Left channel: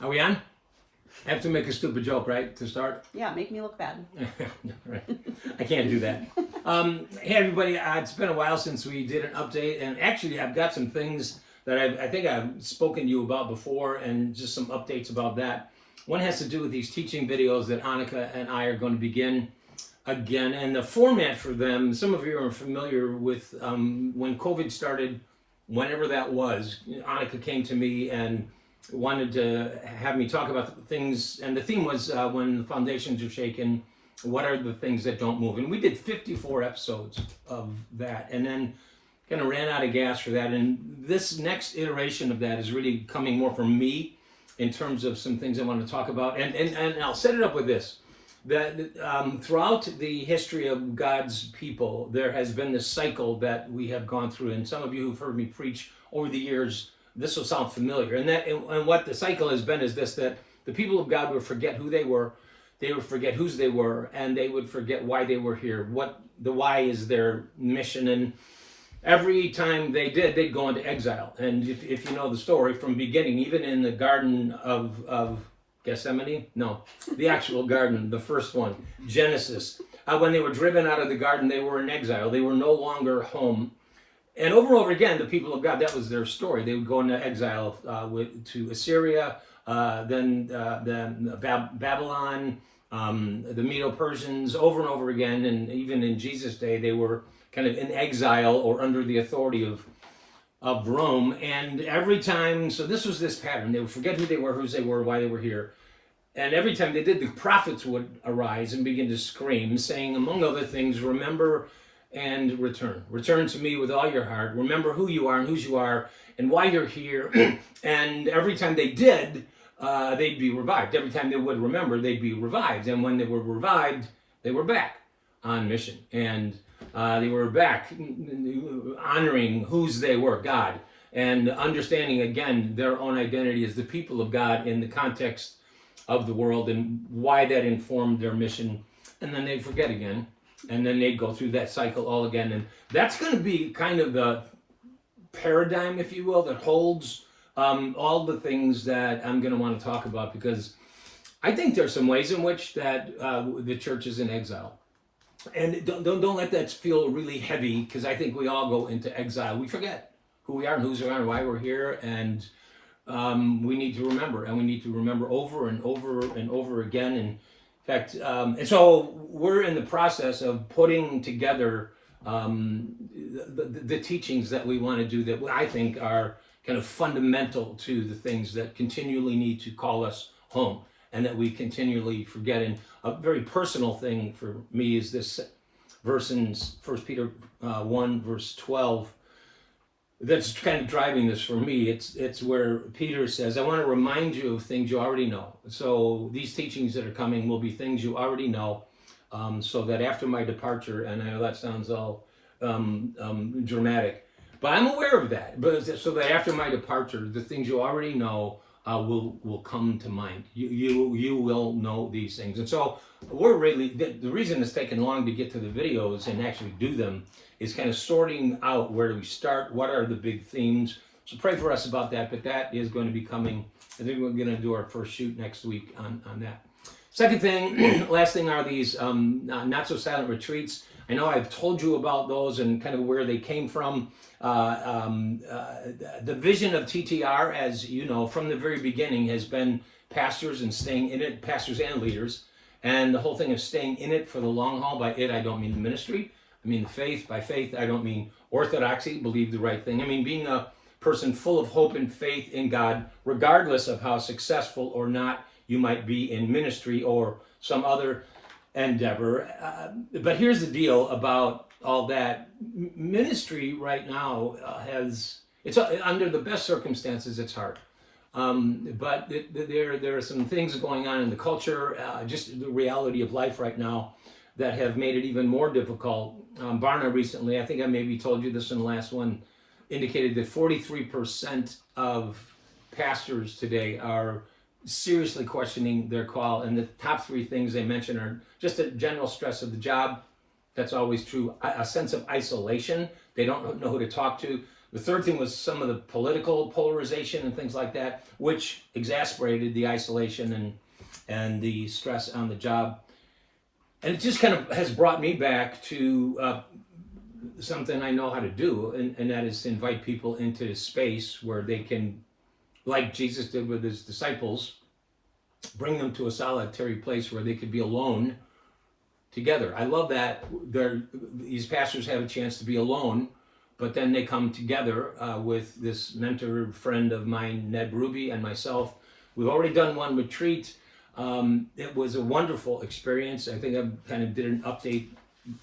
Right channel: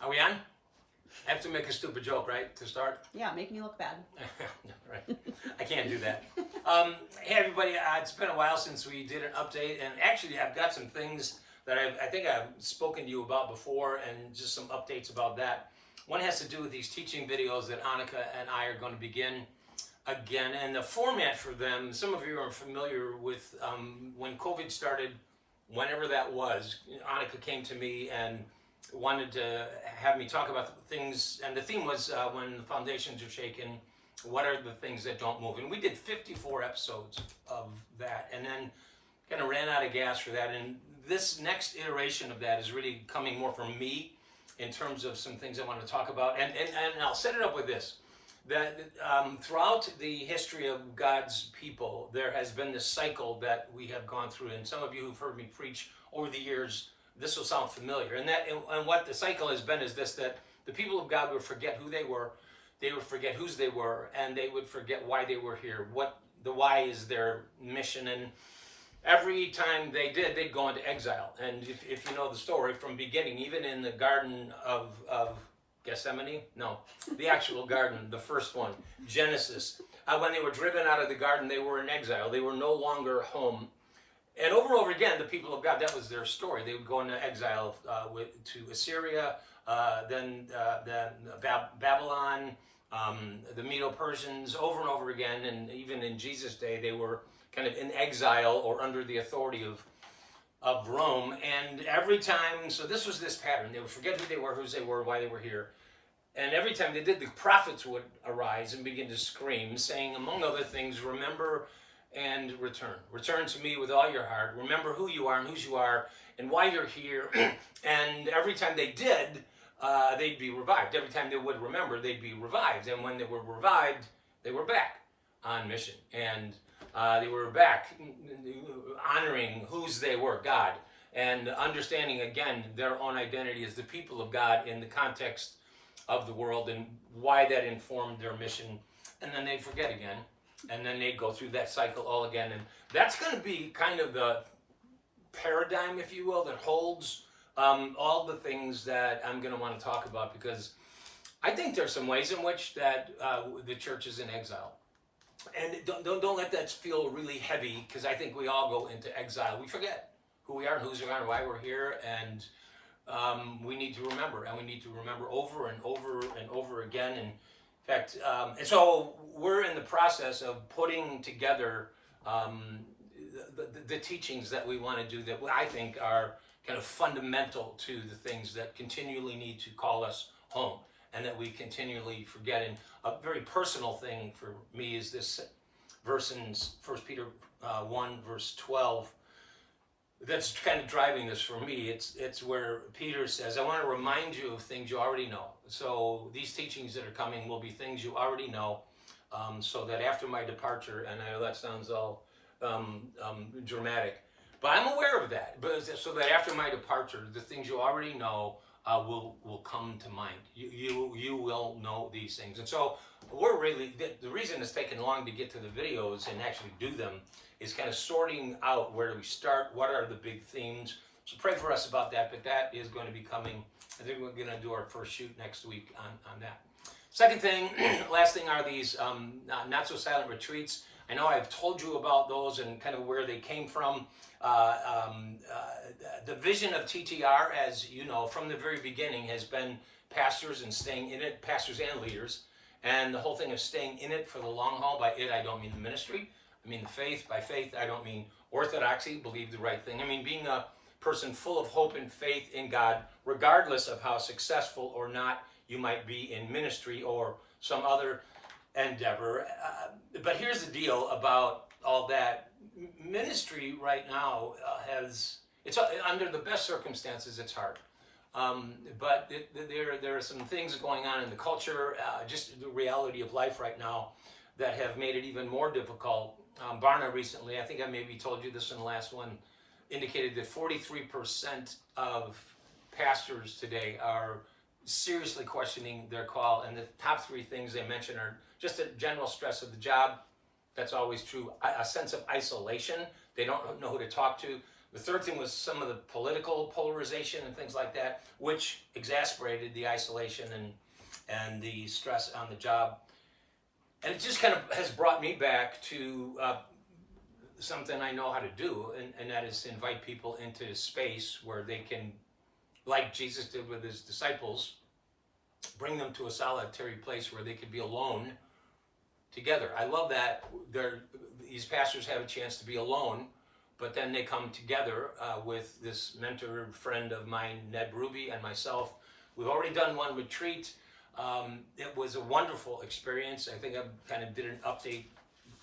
Are we on? I have to make a stupid joke, right, to start? Yeah, make me look bad. Right. I can't do that. Hey, everybody, it's been a while since we did an update, and actually I've got some things that I think I've spoken to you about before, and just some updates about that. One has to do with these teaching videos that Annika and I are going to begin again, and the format for them, some of you are familiar with when COVID started, whenever that was. Annika came to me and wanted to have me talk about things, and the theme was when the foundations are shaken, what are the things that don't move? And we did 54 episodes of that, and then kind of ran out of gas for that. And this next iteration of that is really coming more from me in terms of some things I want to talk about. And I'll set it up with this, that throughout the history of God's people, there has been this cycle that we have gone through. And some of you who've heard me preach over the years, this will sound familiar. And what the cycle has been is this, that the people of God would forget who they would forget whose they were, and they would forget why they were here. What the why is their mission. And every time they did, they'd go into exile. And if you know the story from beginning, even in the Garden of Gethsemane, no, the actual garden, the first one, Genesis, when they were driven out of the garden, they were in exile. They were no longer home. And over again, the people of God, that was their story. They would go into exile to Assyria, then Babylon, the Medo-Persians, over and over again. And even in Jesus' day, they were kind of in exile or under the authority of Rome. And every time, so this was this pattern. They would forget who they were, whose they were, why they were here. And every time they did, the prophets would arise and begin to scream, saying, among other things, remember and return. Return to me with all your heart. Remember who you are and whose you are and why you're here. And every time they did, they'd be revived. Every time they would remember, they'd be revived. And when they were revived, they were back on mission. And they were back honoring whose they were, God, and understanding again their own identity as the people of God in the context of the world and why that informed their mission. And then they'd forget again. And then they'd go through that cycle all again. And that's going to be kind of the paradigm, if you will, that holds all the things that I'm going to want to talk about, because I think there's some ways in which that the church is in exile. And don't let that feel really heavy, because I think we all go into exile. We forget who we are and whose we are and why we're here. And we need to remember, and we need to remember over and over and over again. And in fact, and so we're in the process of putting together the teachings that we want to do that I think are kind of fundamental to the things that continually need to call us home and that we continually forget. And a very personal thing for me is this verse in 1 Peter 1, verse 12, that's kind of driving this for me. It's where Peter says, I want to remind you of things you already know. So these teachings that are coming will be things you already know, so that after my departure, and I know that sounds all dramatic, but I'm aware of that, but so that after my departure, the things you already know will come to mind. You will know these things. And so we're really, the reason it's taken long to get to the videos and actually do them is kind of sorting out where do we start, what are the big themes. So pray for us about that, but that is going to be coming. I think we're going to do our first shoot next week on that. Second thing, last thing, are these not so silent retreats. I know I've told you about those and kind of where they came from. The vision of TTR, as you know, from the very beginning has been pastors and staying in it, pastors and leaders. And the whole thing of staying in it for the long haul. By it, I don't mean the ministry. I mean the faith. By faith, I don't mean orthodoxy, believe the right thing. I mean being a person full of hope and faith in God, regardless of how successful or not you might be in ministry or some other endeavor. But here's the deal about all that. Ministry right now it's under the best circumstances, it's hard. But there are some things going on in the culture, just the reality of life right now, that have made it even more difficult. Barna recently, I think I maybe told you this in the last one, indicated that 43% of pastors today are seriously questioning their call. And the top three things they mention are just a general stress of the job. That's always true. A sense of isolation. They don't know who to talk to. The third thing was some of the political polarization and things like that, which exasperated the isolation and the stress on the job. And it just kind of has brought me back to something I know how to do, and that is to invite people into space where they can, like Jesus did with his disciples, bring them to a solitary place where they could be alone together. I love that these pastors have a chance to be alone, but then they come together with this mentor friend of mine, Ned Ruby, and myself. We've already done one retreat. It was a wonderful experience. I think I kind of did an update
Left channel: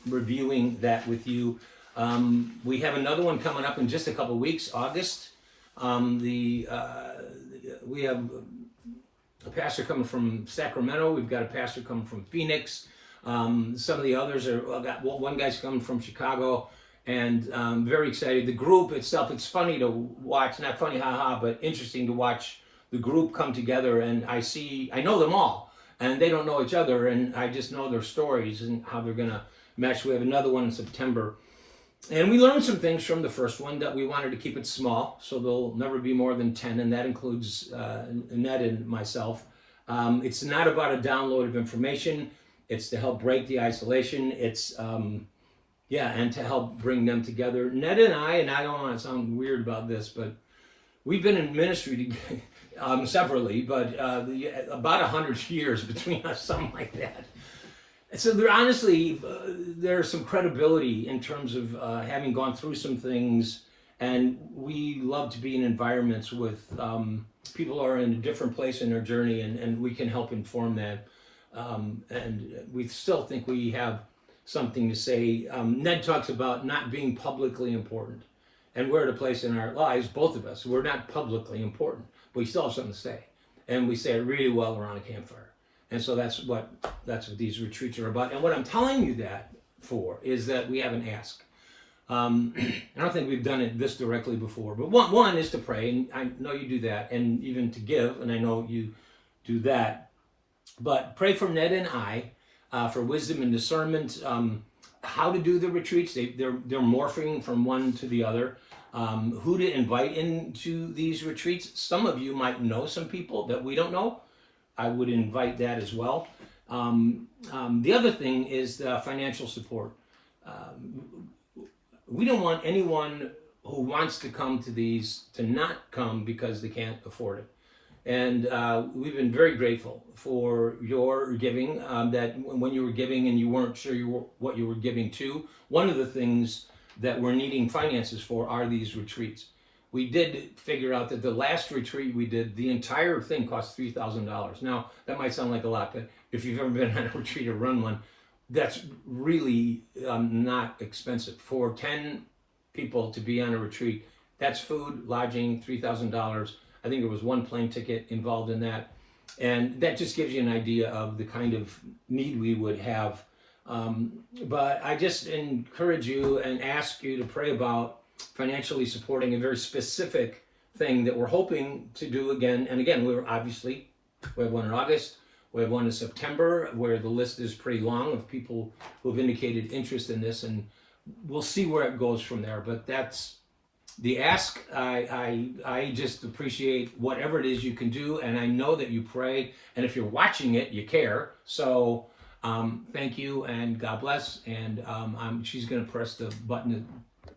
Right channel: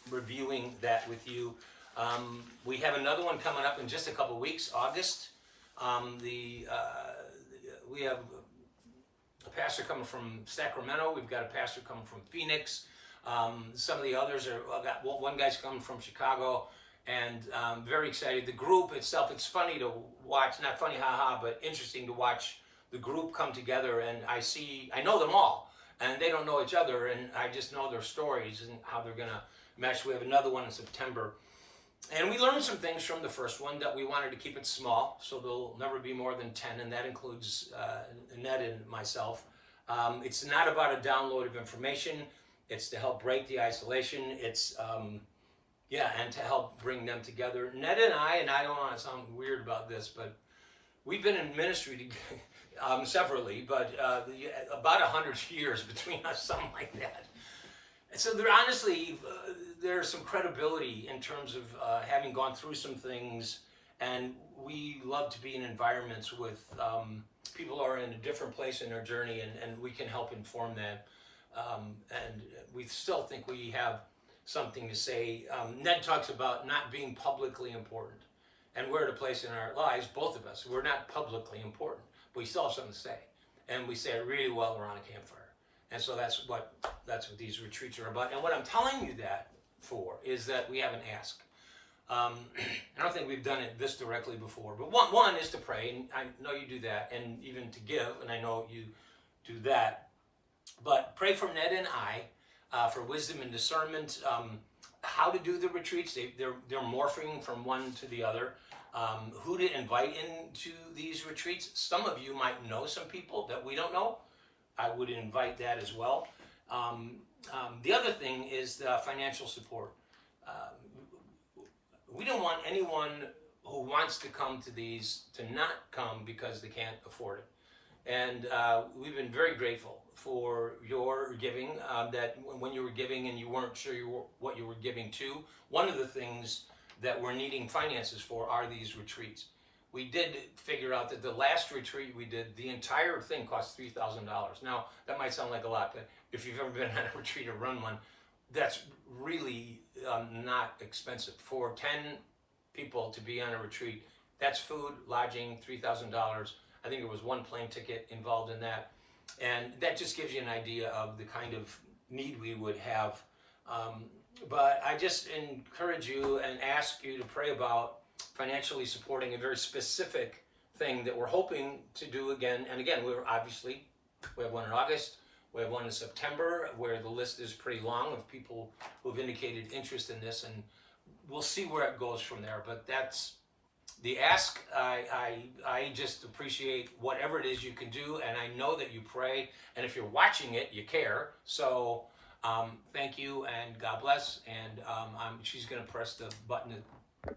reviewing that with you. We have another one coming up in just a couple of weeks, August. We have a pastor coming from Sacramento. We've got a pastor coming from Phoenix. Some of the others are, one guy's coming from Chicago, and very excited. The group itself, it's funny to watch, not funny, haha, but interesting to watch the group come together, and I know them all, and they don't know each other, and I just know their stories and how they're gonna mesh. We have another one in September, and we learned some things from the first one that we wanted to keep it small, so there'll never be more than 10, and that includes Ned and myself. It's not about a download of information. It's to help break the isolation. It's and to help bring them together. Ned and I don't want to sound weird about this, but we've been in ministry separately, but about 100 years between us, something like that. So there's some credibility in terms of having gone through some things, and we love to be in environments with people who are in a different place in their journey, and we can help inform them. And we still think we have something to say. Ned talks about not being publicly important, and we're at a place in our lives, both of us, we're not publicly important, but we still have something to say, and we say it really well around a campfire. And so that's what these retreats are about. And what I'm telling you that for is that we have an ask. I don't think we've done it this directly before, but one is to pray, and I know you do that, and even to give, and I know you do that. But pray for Ned and I for wisdom and discernment, how to do the retreats. They're morphing from one to the other. Who to invite into these retreats. Some of you might know some people that we don't know. I would invite that as well. The other thing is the financial support. We don't want anyone who wants to come to these to not come because they can't afford it. And we've been very grateful for your giving, that when you were giving and you weren't sure what you were giving to, one of the things that we're needing finances for are these retreats. We did figure out that the last retreat we did, the entire thing cost $3,000. Now, that might sound like a lot, but if you've ever been on a retreat or run one, that's really not expensive. For 10 people to be on a retreat, that's food, lodging, $3,000. I think there was one plane ticket involved in that. And that just gives you an idea of the kind of need we would have. But I just encourage you and ask you to pray about financially supporting a very specific thing that we're hoping to do again. And again, we have one in August, we have one in September, where the list is pretty long of people who have indicated interest in this, and we'll see where it goes from there. But that's the ask. I just appreciate whatever it is you can do, and I know that you pray, and if you're watching it, you care. So thank you, and God bless. And she's going to press the button